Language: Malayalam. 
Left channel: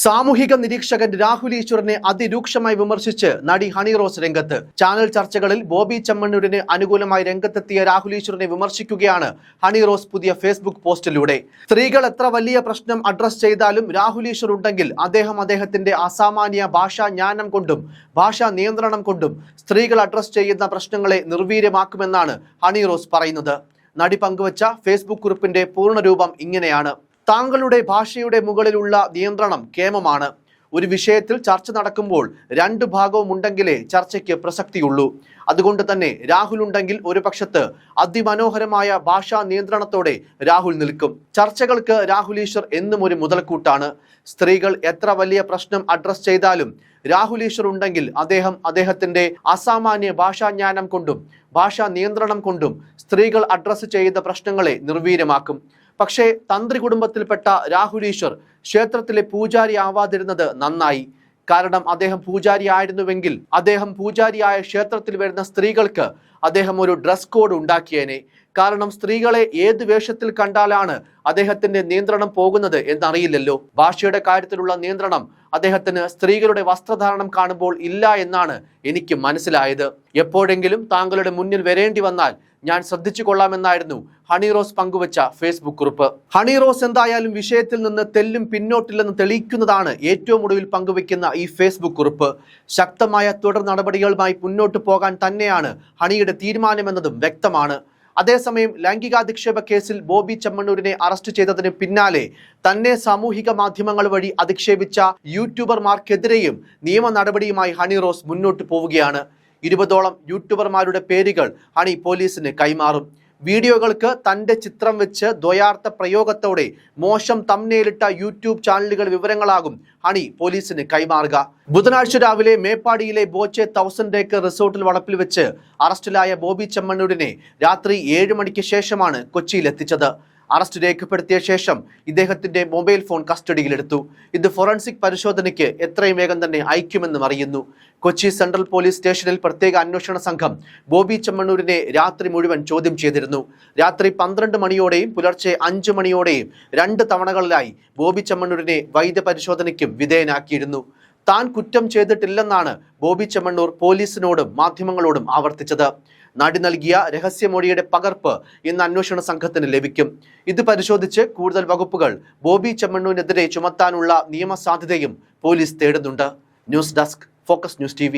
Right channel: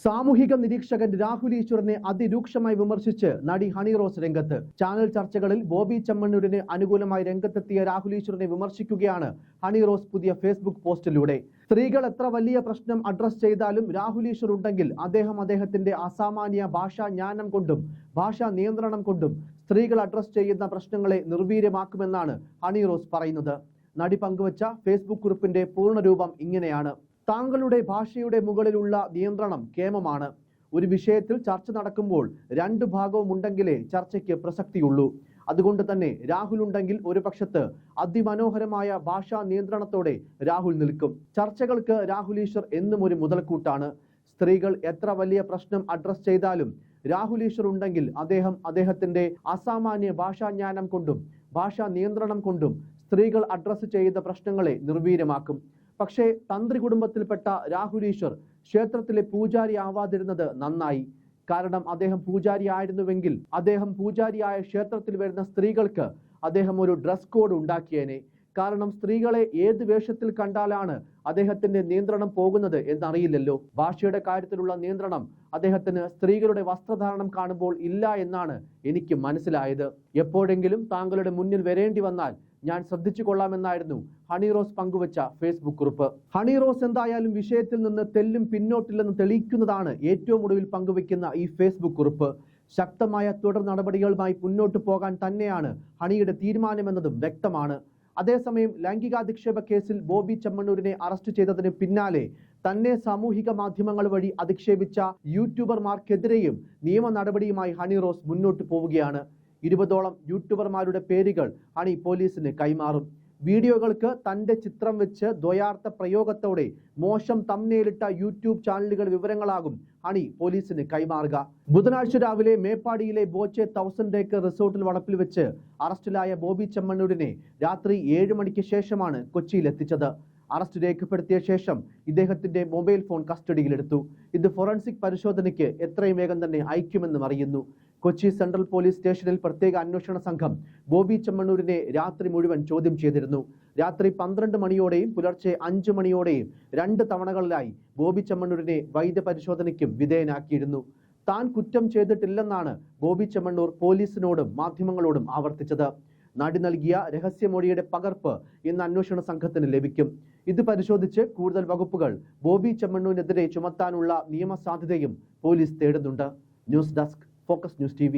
സാമൂഹിക നിരീക്ഷകൻ രാഹുൽ ഈശ്വറിനെ അതിരൂക്ഷമായി വിമർശിച്ച് നടി ഹണി റോസ് രംഗത്ത്. ചാനൽ ചർച്ചകളിൽ ബോബി ചമ്മണ്ണൂരിന് അനുകൂലമായി രംഗത്തെത്തിയ രാഹുൽ ഈശ്വറിനെ വിമർശിക്കുകയാണ് ഹണി റോസ് പുതിയ ഫേസ്ബുക്ക് പോസ്റ്റിലൂടെ. സ്ത്രീകൾ എത്ര വലിയ പ്രശ്നം അഡ്രസ് ചെയ്താലും രാഹുൽ ഈശ്വർ ഉണ്ടെങ്കിൽ അദ്ദേഹം അദ്ദേഹത്തിന്റെ അസാമാന്യ ഭാഷാ ജ്ഞാനം കൊണ്ടും ഭാഷാ നിയന്ത്രണം കൊണ്ടും സ്ത്രീകൾ അഡ്രസ് ചെയ്യുന്ന പ്രശ്നങ്ങളെ നിർവീര്യമാക്കുമെന്നാണ് ഹണി റോസ് പറയുന്നത്. നടി പങ്കുവച്ച ഫേസ്ബുക്ക് കുറിപ്പിന്റെ പൂർണരൂപം ഇങ്ങനെയാണ്. താങ്കളുടെ ഭാഷയുടെ മുകളിലുള്ള നിയന്ത്രണം കേമമാണ്. ഒരു വിഷയത്തിൽ ചർച്ച നടക്കുമ്പോൾ രണ്ട് ഭാഗവും ഉണ്ടെങ്കിലേ ചർച്ചയ്ക്ക് പ്രസക്തിയുള്ളൂ. അതുകൊണ്ട് തന്നെ രാഹുൽ ഉണ്ടെങ്കിൽ ഒരു പക്ഷത്ത് അതിമനോഹരമായ ഭാഷാ നിയന്ത്രണത്തോടെ രാഹുൽ നിൽക്കും. ചർച്ചകൾക്ക് രാഹുൽ ഈശ്വർ എന്നും ഒരു മുതൽക്കൂട്ടാണ്. സ്ത്രീകൾ എത്ര വലിയ പ്രശ്നം അഡ്രസ് ചെയ്താലും രാഹുൽ ഈശ്വർ ഉണ്ടെങ്കിൽ അദ്ദേഹം അദ്ദേഹത്തിന്റെ അസാമാന്യ ഭാഷാജ്ഞാനം കൊണ്ടും ഭാഷാ നിയന്ത്രണം കൊണ്ടും സ്ത്രീകൾ അഡ്രസ്സ് ചെയ്ത പ്രശ്നങ്ങളെ നിർവീര്യമാക്കും. പക്ഷേ തന്ത്രി കുടുംബത്തിൽപ്പെട്ട രാഹുൽ ഈശ്വർ ക്ഷേത്രത്തിലെ പൂജാരി ആവാതിരുന്നത് നന്നായി. കാരണം അദ്ദേഹം പൂജാരി ആയിരുന്നുവെങ്കിൽ അദ്ദേഹം പൂജാരിയായ ക്ഷേത്രത്തിൽ വരുന്ന സ്ത്രീകൾക്ക് അദ്ദേഹം ഒരു ഡ്രസ് കോഡ് ഉണ്ടാക്കിയേനെ. കാരണം സ്ത്രീകളെ ഏത് വേഷത്തിൽ കണ്ടാലാണ് അദ്ദേഹത്തിന്റെ നിയന്ത്രണം പോകുന്നത് എന്നറിയില്ലല്ലോ. ഭാഷയുടെ കാര്യത്തിലുള്ള നിയന്ത്രണം അദ്ദേഹത്തിന് സ്ത്രീകളുടെ വസ്ത്രധാരണം കാണുമ്പോൾ ഇല്ല എന്നാണ് എനിക്ക് മനസ്സിലായത്. എപ്പോഴെങ്കിലും താങ്കളുടെ മുന്നിൽ വരേണ്ടി വന്നാൽ ഞാൻ ശ്രദ്ധിച്ചു കൊള്ളാമെന്നായിരുന്നു ഹണി റോസ് പങ്കുവച്ച ഫേസ്ബുക്ക് കുറിപ്പ്. ഹണി റോസ് എന്തായാലും വിഷയത്തിൽ നിന്ന് തെല്ലും പിന്നോട്ടില്ലെന്ന് തെളിയിക്കുന്നതാണ് ഏറ്റവും ഒടുവിൽ പങ്കുവയ്ക്കുന്ന ഈ ഫേസ്ബുക്ക് കുറിപ്പ്. ശക്തമായ തുടർ നടപടികളുമായി മുന്നോട്ട് പോകാൻ തന്നെയാണ് ഹണിയുടെ തീരുമാനമെന്നതും വ്യക്തമാണ്. അതേസമയം ലൈംഗികാധിക്ഷേപ കേസിൽ ബോബി ചെമ്മണ്ണൂരിനെ അറസ്റ്റ് ചെയ്തതിന് പിന്നാലെ തന്നെ സാമൂഹിക മാധ്യമങ്ങൾ വഴി അധിക്ഷേപിച്ച യൂട്യൂബർമാർക്കെതിരെയും നിയമ നടപടിയുമായി ഹണി റോസ് മുന്നോട്ട് പോവുകയാണ്. ഇരുപതോളം യൂട്യൂബർമാരുടെ പേരുകൾ ഹണി പോലീസിന് കൈമാറും. വീഡിയോകൾക്ക് തന്റെ ചിത്രം വെച്ച് ദ്വയാർത്ഥ പ്രയോഗത്തോടെ മോശം തമ്നയിലിട്ട യൂട്യൂബ് ചാനലുകൾ വിവരങ്ങളാകും ഹണി പോലീസിന് കൈമാറുക. ബുധനാഴ്ച രാവിലെ മേപ്പാടിയിലെ ബോച്ചെ തൗസൻഡ് ഏക്കർ റിസോർട്ടിൽ വളപ്പിൽ വെച്ച് അറസ്റ്റിലായ ബോബി ചെമ്മണ്ണൂരിനെ രാത്രി ഏഴ് മണിക്ക് ശേഷമാണ് കൊച്ചിയിൽ എത്തിച്ചത്. അറസ്റ്റ് രേഖപ്പെടുത്തിയ ശേഷം ഇദ്ദേഹത്തിന്റെ മൊബൈൽ ഫോൺ കസ്റ്റഡിയിലെടുത്തു. ഇത് ഫോറൻസിക് പരിശോധനയ്ക്ക് എത്രയും വേഗം തന്നെ അയക്കുമെന്നും അറിയുന്നു. കൊച്ചി സെൻട്രൽ പോലീസ് സ്റ്റേഷനിൽ പ്രത്യേക അന്വേഷണ സംഘം ബോബി ചെമ്മണ്ണൂരിനെ രാത്രി മുഴുവൻ ചോദ്യം ചെയ്തിരുന്നു. രാത്രി പന്ത്രണ്ട് മണിയോടെയും പുലർച്ചെ അഞ്ചു മണിയോടെയും രണ്ട് തവണകളിലായി ബോബി ചെമ്മണ്ണൂരിനെ വൈദ്യപരിശോധനയ്ക്കും വിധേയനാക്കിയിരുന്നു. താൻ കുറ്റം ചെയ്തിട്ടില്ലെന്നാണ് ബോബി ചെമ്മണ്ണൂർ പോലീസിനോടും മാധ്യമങ്ങളോടും ആവർത്തിച്ചത്. നടി നൽകിയ രഹസ്യമൊഴിയുടെ പകർപ്പ് ഇന്ന് അന്വേഷണ സംഘത്തിന് ലഭിക്കും. ഇത് പരിശോധിച്ച് കൂടുതൽ വകുപ്പുകൾ ബോബി ചെമ്മണ്ണൂരിനെതിരെ ചുമത്താനുള്ള നിയമസാധ്യതയും police തേടുന്നുണ്ട്. News desk focus news T